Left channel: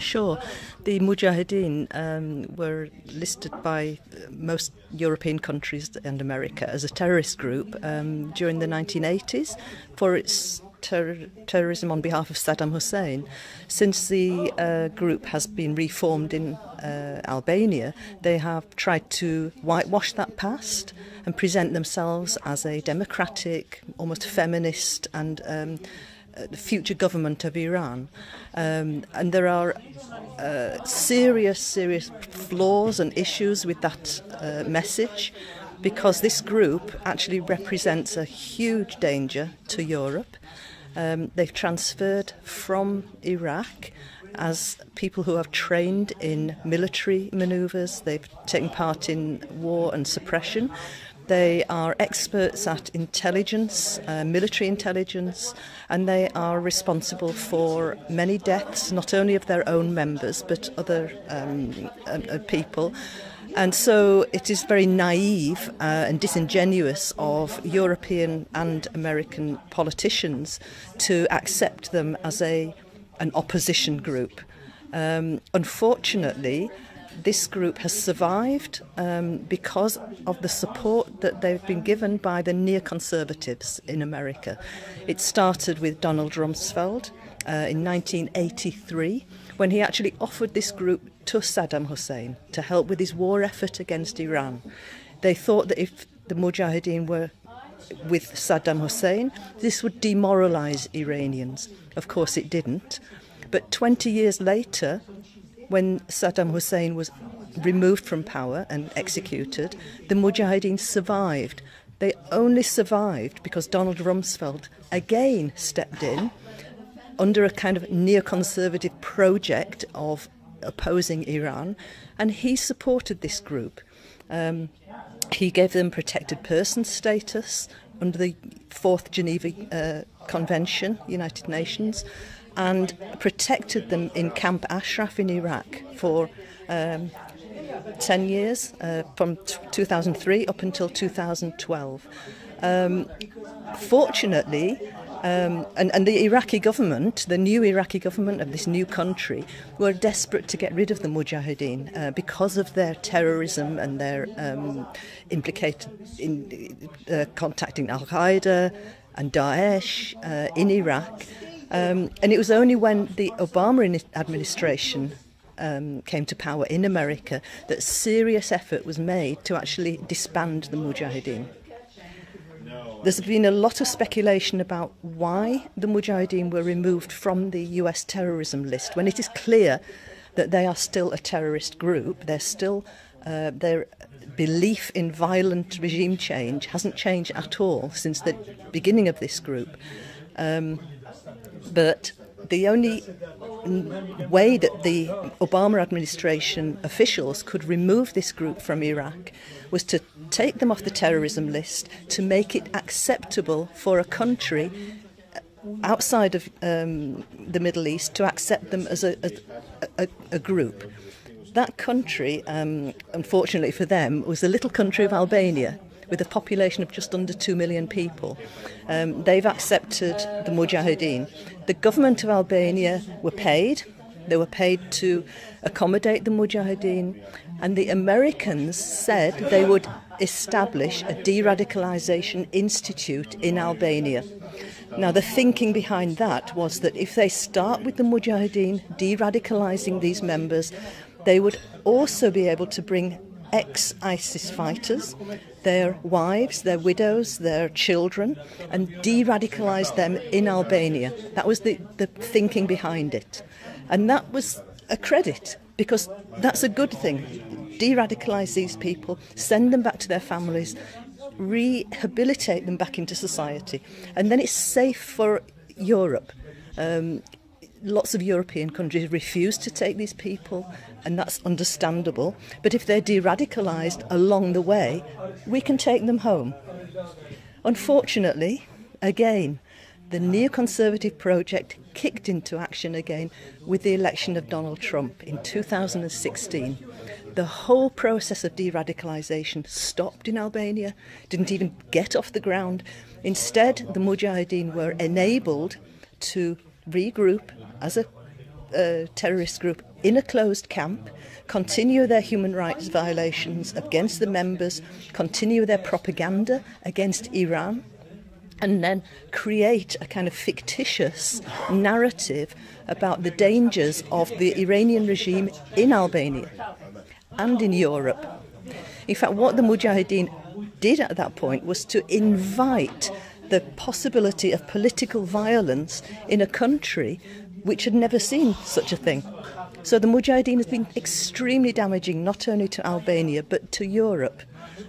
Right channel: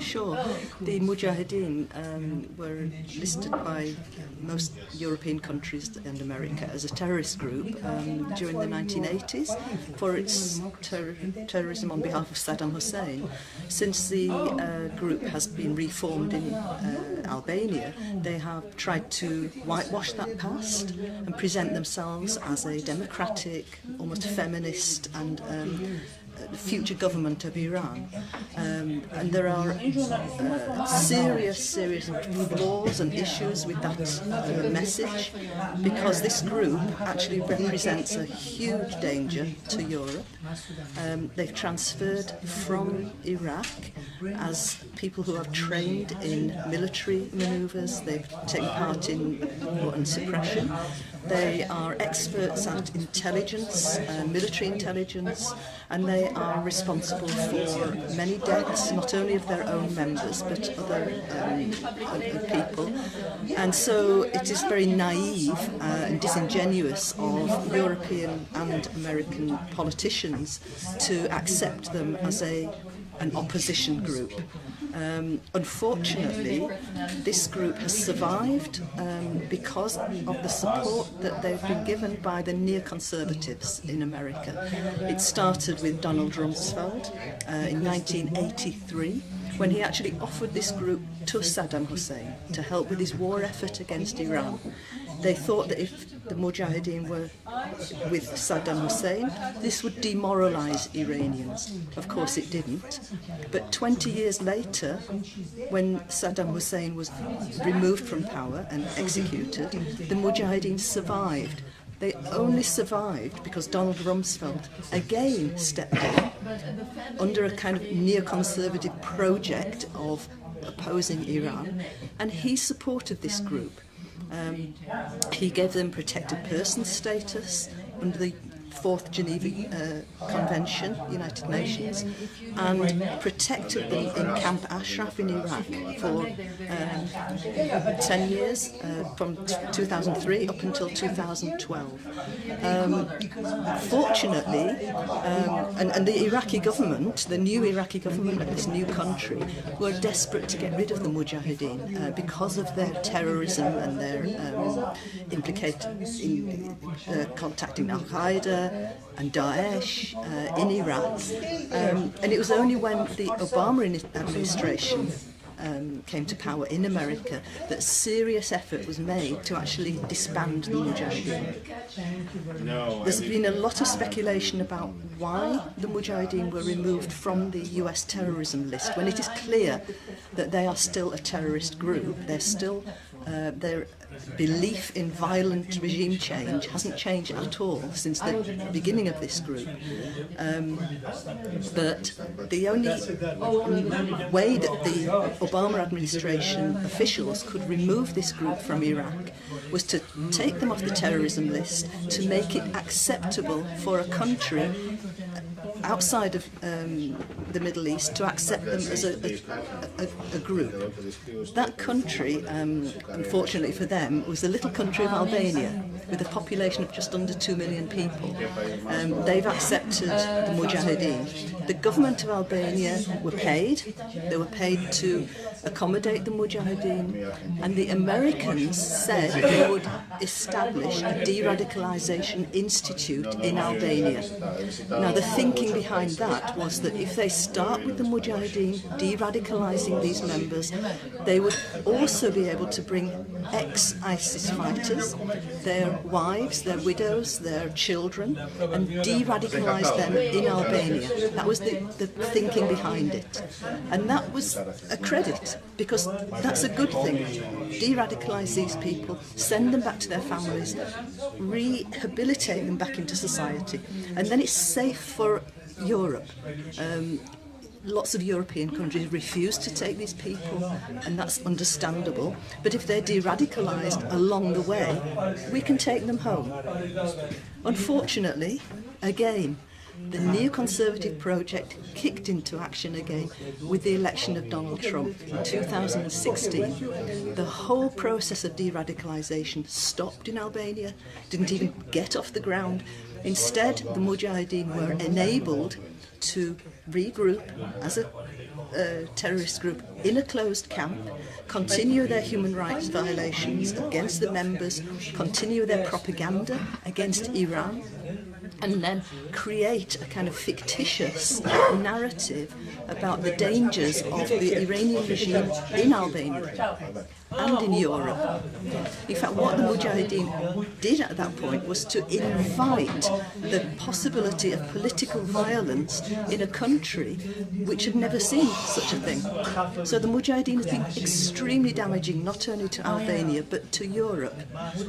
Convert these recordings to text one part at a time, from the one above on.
Sure. The Mujahideen were listed by most European countries and America as a terrorist group during the 1980s for its terrorism on behalf of Saddam Hussein. Since the group has been reformed in Albania, they have tried to whitewash that past and present themselves as a democratic, almost feminist and future government of Iran. And there are serious flaws and issues with that message, because this group actually represents a huge danger to Europe. They've transferred from Iraq as people who have trained in military manoeuvres. They've taken part in war and suppression. They are experts at intelligence, military intelligence, and they are responsible for many deaths, not only of their own members, but other people. And so it is very naive and disingenuous of European and American politicians to accept them as an opposition group. Unfortunately, this group has survived because of the support that they've been given by the neoconservatives in America. It started with Donald Rumsfeld in 1983, when he actually offered this group to Saddam Hussein to help with his war effort against Iran. They thought that if the Mujahideen were with Saddam Hussein, this would demoralise Iranians. Of course it didn't. But 20 years later, when Saddam Hussein was removed from power and executed, the Mujahideen survived. They only survived because Donald Rumsfeld again stepped in under a kind of neoconservative project of opposing Iran, and he supported this group. He gave them protected person status under the 4th Geneva Convention, United Nations, and protected them in Camp Ashraf in Iraq for 10 years, from 2003 up until 2012. Fortunately, and the Iraqi government, the new Iraqi government of this new country, were desperate to get rid of the Mujahideen because of their terrorism and their implicated in contacting Al-Qaeda and Daesh in Iraq. And it was only when the Obama administration came to power in America that serious effort was made to actually disband the Mujahideen. There's been a lot of speculation about why the Mujahideen were removed from the US terrorism list, when it is clear that they are still a terrorist group. They're still, their belief in violent regime change hasn't changed at all since the beginning of this group. But the only way that the Obama administration officials could remove this group from Iraq was to take them off the terrorism list, to make it acceptable for a country outside of the Middle East to accept them as a group. That country, unfortunately for them, was the little country of Albania, with a population of just under 2 million people. They've accepted the Mujahideen. The government of Albania were paid. They were paid to accommodate the Mujahideen, and the Americans said they would establish a de-radicalisation institute in Albania. Now, the thinking behind that was that if they start with the Mujahideen, de-radicalising these members, they would also be able to bring ex-ISIS fighters, their wives, their widows, their children, and de-radicalise them in Albania. That was the thinking behind it. And that was a credit, because that's a good thing. De-radicalise these people, send them back to their families, rehabilitate them back into society, and then it's safe for Europe. Lots of European countries refuse to take these people, and that's understandable. But if they're de-radicalised along the way, we can take them home. Unfortunately, again, the neoconservative project kicked into action again with the election of Donald Trump in 2016. The whole process of de-radicalisation stopped in Albania, didn't even get off the ground. Instead, the Mujahideen were enabled to regroup as a terrorist group in a closed camp, continue their human rights violations against the members, continue their propaganda against Iran, and then create a kind of fictitious narrative about the dangers of the Iranian regime in Albania and in Europe. In fact, what the Mujahideen did at that point was to invite the possibility of political violence in a country which had never seen such a thing. So the Mujahideen has been extremely damaging, not only to Albania, but to Europe.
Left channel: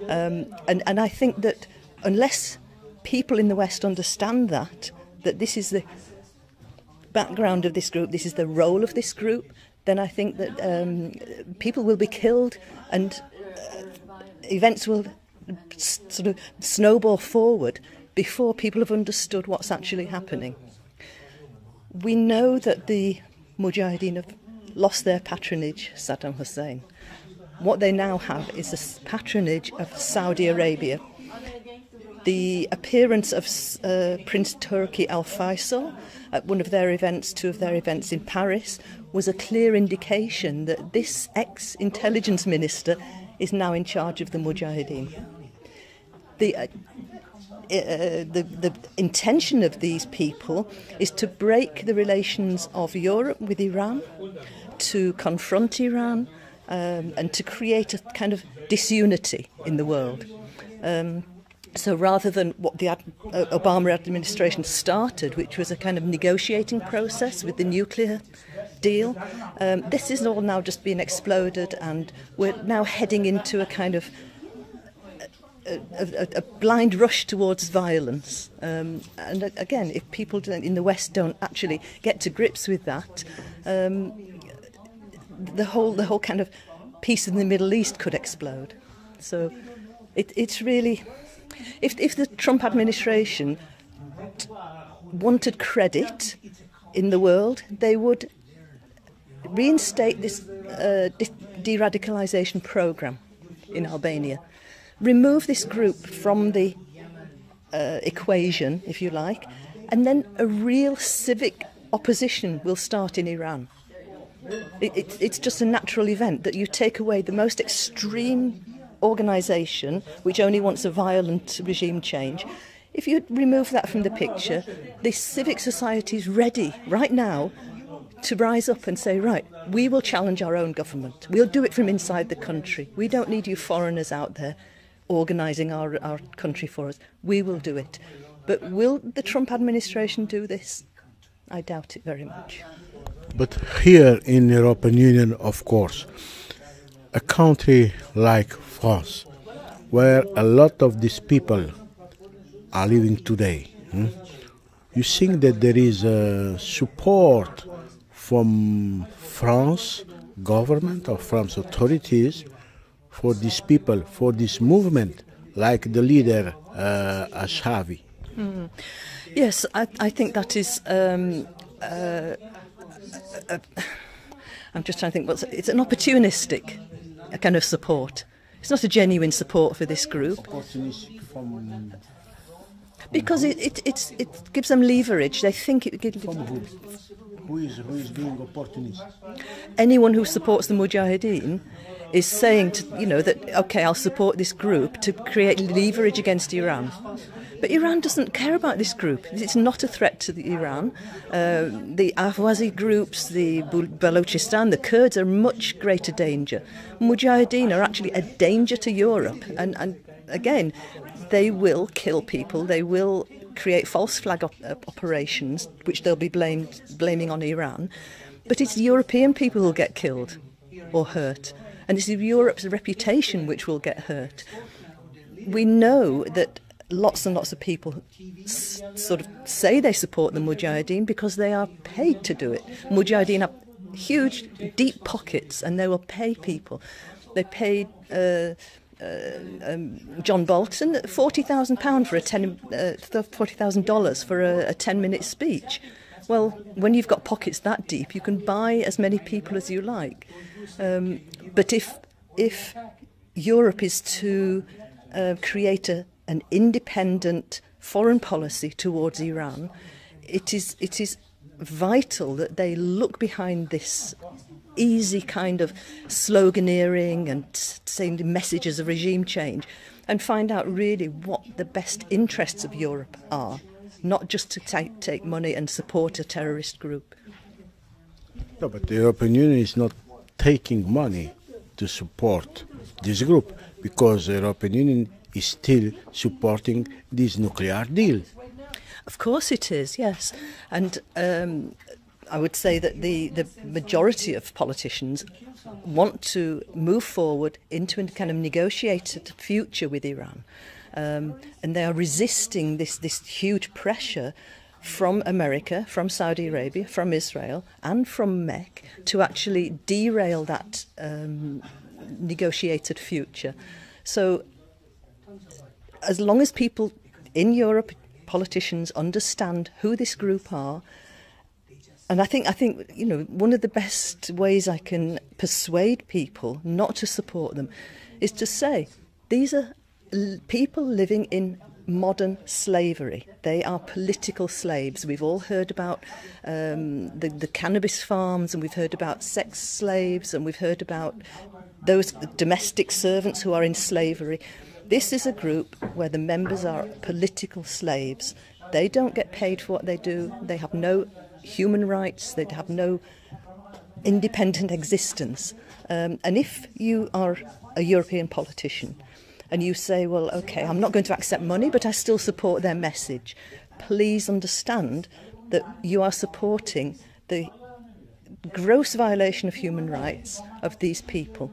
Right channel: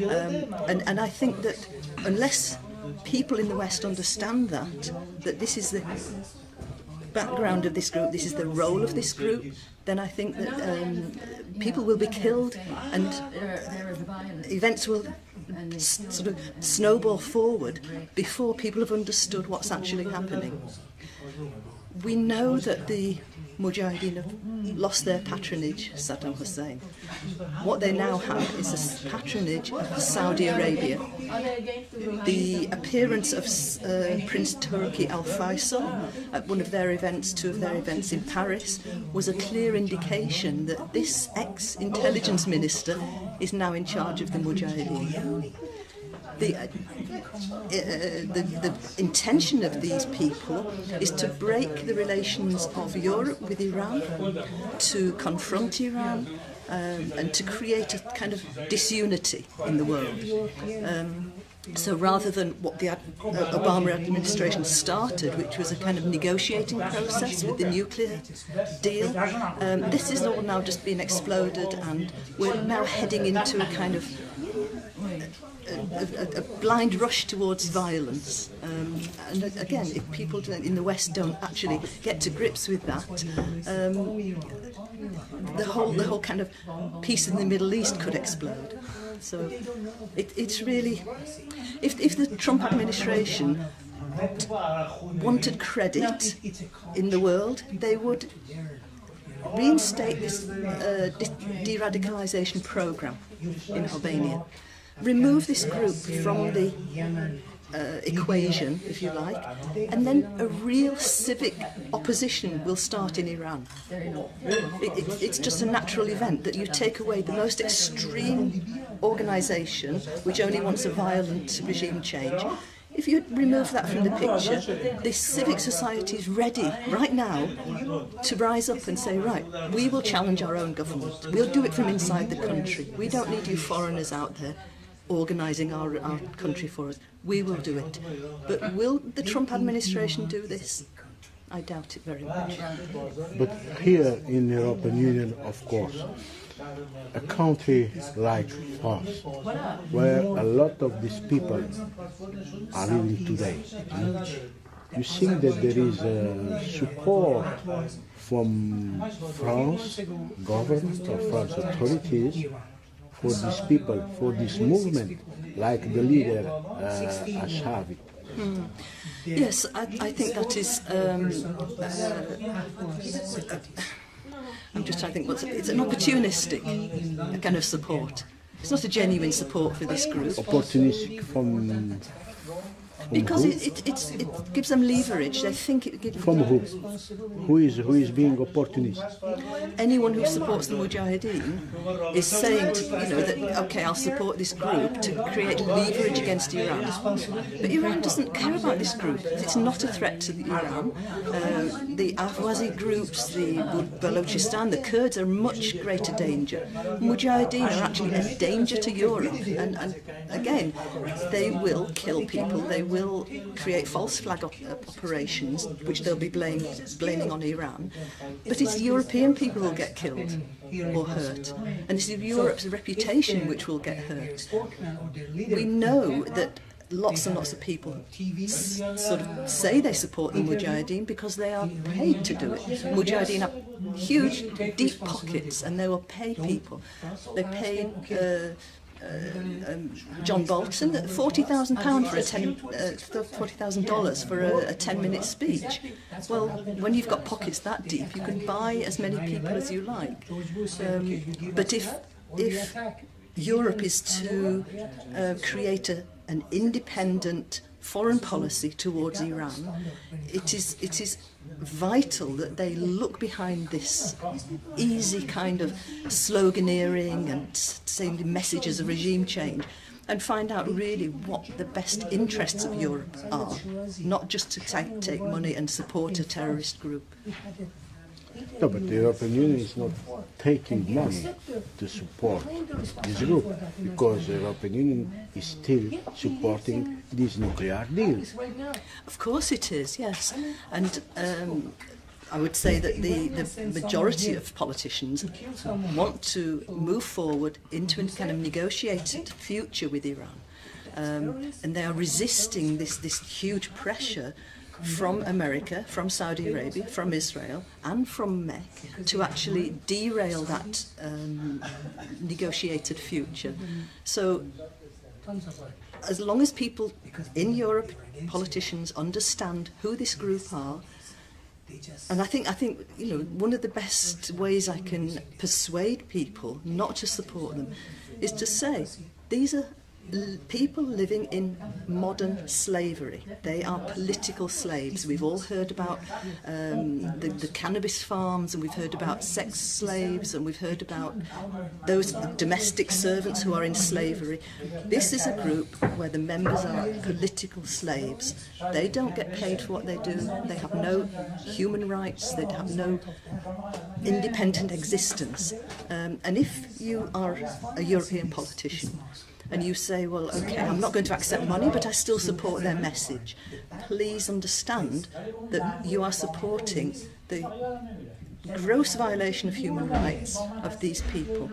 And I think that unless people in the West understand that this is the background of this group, this is the role of this group, then I think that people will be killed and events will sort of snowball forward before people have understood what's actually happening. We know that the Mujahideen have lost their patronage, Saddam Hussein. What they now have is a patronage of Saudi Arabia. The appearance of Prince Turki Al Faisal at one of their events, two of their events in Paris, was a clear indication that this ex-intelligence minister is now in charge of the Mujahideen. The intention of these people is to break the relations of Europe with Iran, to confront Iran, and to create a kind of disunity in the world. So rather than what the Obama administration started, which was a kind of negotiating process with the nuclear deal, this is all now just being exploded, and we're now heading into a kind of a blind rush towards violence. And again, if people in the West don't actually get to grips with that, the whole kind of peace in the Middle East could explode. So it's really, if the Trump administration wanted credit in the world, they would reinstate this de-radicalisation programme in Albania, remove this group from the equation, if you like, and then a real civic opposition will start in Iran. It's just a natural event that you take away the most extreme organisation, which only wants a violent regime change. If you remove that from the picture, the civic society is ready right now to rise up and say, right, we will challenge our own government. We'll do it from inside the country. We don't need you foreigners out there organising our country for us. We will do it. But will the Trump administration do this? I doubt it very much. But here in the European Union, of course, a country like France, where a lot of these people are living today, you think that there is support from France government or France authorities for these people, for this movement, like the leader Ashavi? Yes, I think that is. I'm just trying to think. It's an opportunistic kind of support. It's not a genuine support for this group. Opportunistic from because it gives them leverage. They think it gives. From who? Who is being opportunist? Anyone who supports the Mujahideen is saying, that okay, I'll support this group to create leverage against Iran. But Iran doesn't care about this group. It's not a threat to Iran. The Ahwazi groups, the Balochistan, the Kurds are much greater danger. Mujahideen are actually a danger to Europe, and again, they will kill people. They will create false flag operations, which they'll be blaming on Iran. But it's European people who will get killed or hurt, and it's Europe's reputation which will get hurt. We know that lots and lots of people sort of say they support the Mujahideen because they are paid to do it. Mujahideen have huge, deep pockets, and they will pay people. They pay John Bolton, £40,000 for $40,000 for a 10-minute speech. Well, when you've got pockets that deep, you can buy as many people as you like. But if Europe is to create an independent foreign policy towards Iran, it is vital that they look behind this easy kind of sloganeering and saying the messages of regime change and find out really what the best interests of Europe are, not just to take money and support a terrorist group. No, but the European Union is not taking money to support this group, because the European Union is still supporting this nuclear deal. Of course it is, yes. And I would say that the majority of politicians want to move forward into a kind of negotiated future with Iran. And they are resisting this huge pressure from America, from Saudi Arabia, from Israel and from MEC to actually derail that negotiated future. So as long as people in Europe, politicians, understand who this group are, and I think you know, one of the best ways I can persuade people not to support them is to say these are people living in modern slavery. They are political slaves. We've all heard about the cannabis farms, and we've heard about sex slaves, and we've heard about those domestic servants who are in slavery. This is a group where the members are political slaves. They don't get paid for what they do. They have no human rights. They have no independent existence. And if you are a European politician and you say, well, okay, I'm not going to accept money, but I still support their message, please understand that you are supporting the gross violation of human rights of these people.